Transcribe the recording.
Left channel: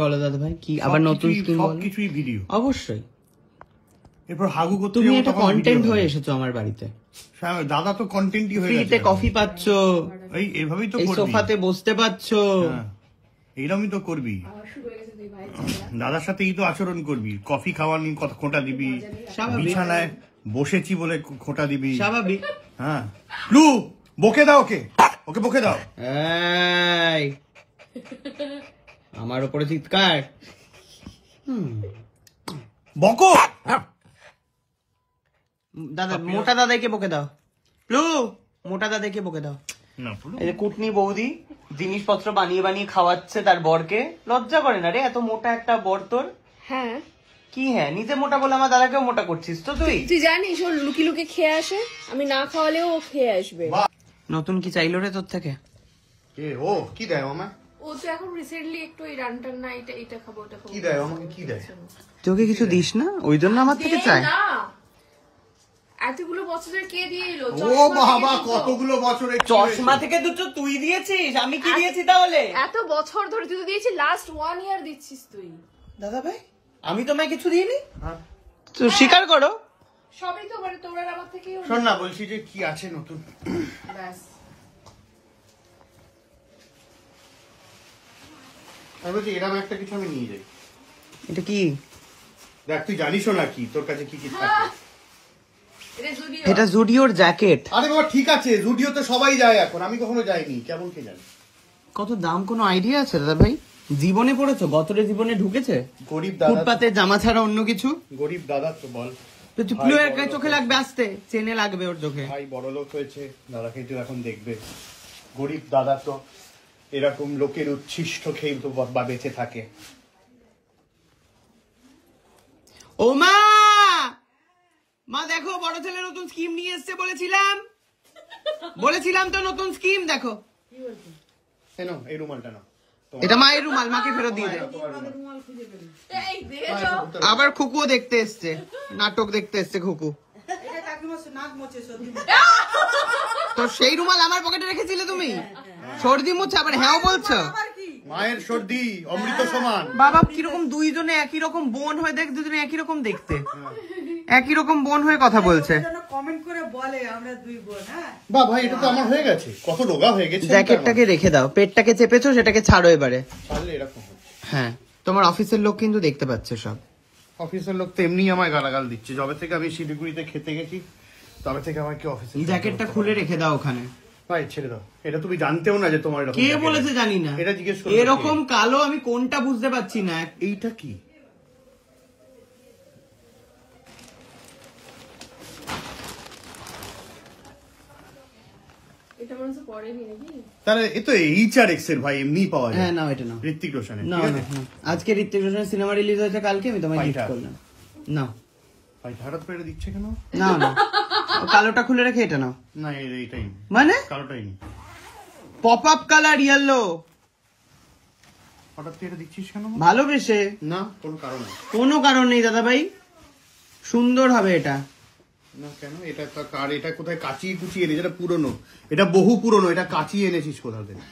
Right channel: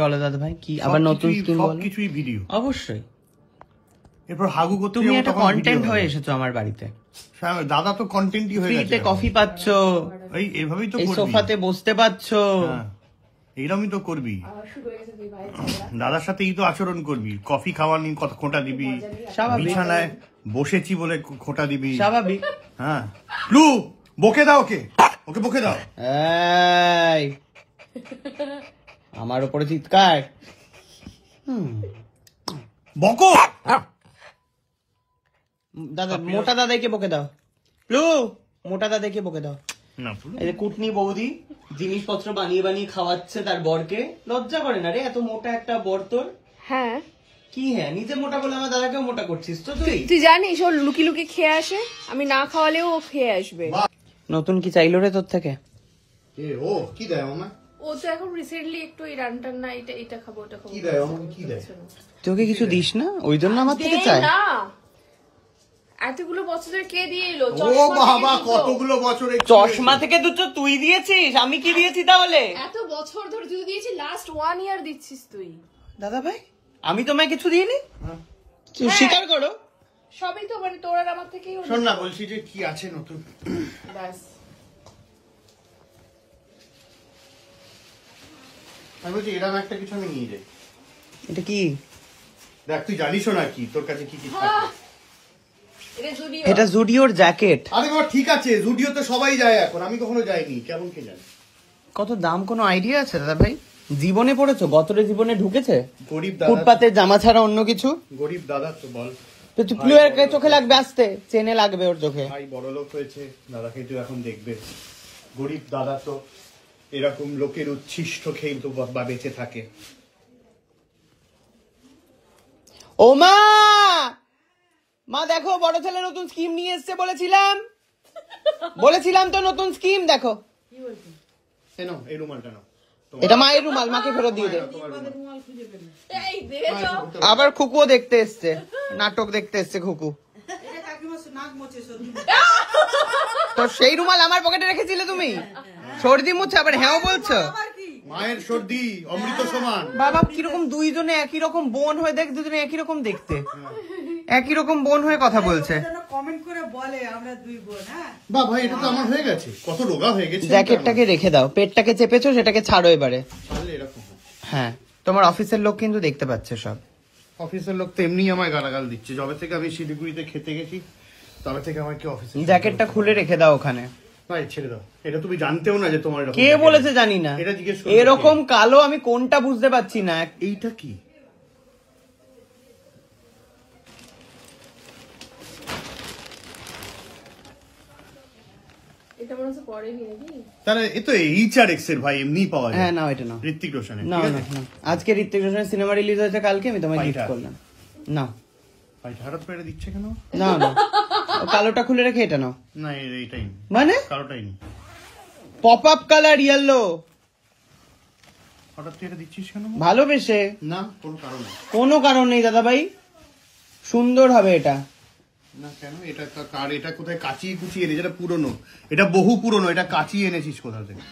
বলো দাদা ভাই কি আবার নতুন স্কিম বলো? কিছুই ভিডিও অবশ্যই। এরপর হাগু করতে তুমি একটা কন্টেন্ট হয়ে এসেছো আমার বাড়িতে। দাদা তো কন্টেন্টই হয়ে গেছে। কফি পাচ্ছ, এই এভাবেই তো করবি, সোফাতে বসতে পাচ্ছ, এইরকমই তো করবি। দাদার সাথে এই তো আচরণ করবি, কফি খাওয়ানি খোঁটা দিবি, বিছানায় বসেছি বলে খোঁটা দিবি, স্বাভাবিক। হ্যাঁ লু বকে দাও, ওকে ওকে বকে দাও। এই আমার উপরে চিৎকার, বকো দাদা। মোটা দাদাকে বকে দাও, প্লু মোটা দাদাকে বকে দাও। এই যে কুটনি বৌদি জিনিসপত্র বানিয়ে বানিয়ে খাওয়াচ্ছে তার বরকে, লজ্জা করে না রে এত মোটা একটা বর তোর? হ্যাঁ কি হ্যাঁ, নিজে মোটা বলে আমার দাদাকেও মোটা করছিস তো তুই? তুই জানিস ও লুকি লুকি খেয়ে আসে, আমি না খাওয়ালেও ও খেয়ে আসবে। নতুন কি চাইলো রে তোর থেকে? ও কি দেয় আমার? ও তো এখন রিসেন্টলি একটু এই রান্নার না এটা খাবো ওটা খাবো। কি দেয় আমাকে? কি দেয়? তোকে কিছু দিস না, ওই জন্য আমার থেকে চায়? না এতগুলো বছরের কে দিয়ে এলো? ও বাবা কতগুলো বছরে চশমা থেকে দুটো তুই দিয়েছিস, আমি কি দিয়েছি তাহলে? এত বছর ধরে তুই দিয়েছিস, লাস্ট 1 ইয়ার দিচ্ছিস তুই। দাদা ভাই আমি তোমায় কিছু দিইনি, তো স্বীকার করো। সবই তো মানে তোর আর আমার থেকেই। শোন না, বলছি যে কি আছে নতুন? ব্যাস আমি বলছি এরকম একটা কিছু আমি নিয়ে যাই। এটা কি? দেখ তুই জানিসও না কি তোর কাছে কি কি থাকে। এটা জুডিওর জ্যাকেট। আরে বাবা ঠিক আছে, জুডিওতে সবাই যায় এখন, আমি কখনো যাইনি, কেমন কে জানি। কত দাম কোনো আইডিয়া আছে দাদা ভাই? জীবনে পড়েছো? বছরে জীবনে ঢুকেছে গরিব দাদা, ফুটপাতে জামা ছাড়া অন্য কিছু? গরিব দাদা তো বল। তো তুই প্লুয়ের চোখে লাগবে, আসতে চেনে লাগবে ওর চোখে। ভাই বড় লোক হয়েছে, দাদাকে তো এখন দেখবে। গরিব দাদা তো এরকম লোকের উচ্ছিষ্ট খেয়ে তো বা বেঁচে থাকে। ও মা, মা দেখো বড় ছেলে নতুন স্কিম নিয়ে এসছে, বলেছিলাম তো নতুন স্কিম দেখো। এনো এই রুমালটা নাও, এটা মায়ের রুমাল, মাকে ফেরত দিয়ে দে। আবার খুকুও দেখতে এসছে, নাটক দেখতে এসছে খুকু। তো সেই রুমাল আমার পকেটে রেখেছিলে তুমি? সর্দি মুছে আবার হ্যাঁ বলছো? মায়ের সর্দি অমৃত সমান। বাবা কিরকম দুইজনে একই রকম বোন হয়ে দেখ, দুজনে একই রকম দেখতে, একই রকম বোন হয়ে কথা বলছে। কমেন্ট করে বলে আমরা দুই বোন। হ্যাঁ বা ভাই এটা তো আমার হয়ে গেছে, কত রোগা হয়ে গেছে। জ্যাকেটটাকে রেখে দাও, পেটটাকে চেপেছো সেটাকে ছাড়ো এবারে। তাহলে এরকম হ্যাঁ তোমার অফিসের লোক কিন্তু দেখতে পাচ্ছে সব। অফিসের লোক তো এমনি আমায় গালাগাল দিচ্ছে, যবে থেকে আমি শিলিগুড়িতে খেতে গেছি তবে থেকে আমার কি অফিসে। জ্যাকেটটা খুলে রেখে দাও ওখানে। ভাই ছেড়ে দাও, এটা তুমি জানতেও না যে তোমার এরকম। কে বলেছে জানি না, এটা জিজ্ঞেস করো। এরকম কালো আমি কোনটা বুঝতে পারছি না। এইটা কি? তাহলে এ তো এইচআরএক্স এর ভাই, এমনি পাওয়া যায়। হ্যাঁ নাও এটা নাও, ঋত্বিক রোশনের। না আজকে ঋত্বিক রোশনের সিনেমা রিলিজ হয়েছে কালকে, আমি তোমায় গিফট করলাম। না ভাই হঠাৎ করে দিচ্ছে কেন? না না কালোটা খুলে রেখে এটা নাও। না এইটাই মানে কালোটাই নি, পপ আপ কালার ইয়েলো। হঠাৎ এটা দিচ্ছিস কেন? ভালোবেসে। না কোনো কারণ নেই। কোনো কারণ নেই দাদা ভাই, সুন্দর হবে এটা। না কেন? এটা কার? এটা কোথায় কাচিয়ে কুচিয়ে এনেছিস? এটা পুরনো, এটা বহু পুরনো, এটা কাচিয়ে এনেছিস কোথা থেকে?